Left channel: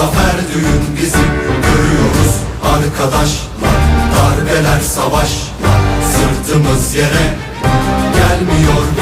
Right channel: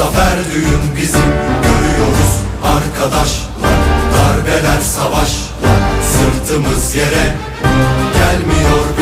Zafer düğün bizim Görüyoruz arkadaşlar. Darbeler savaşlar Sırtımız yere gelmiyor.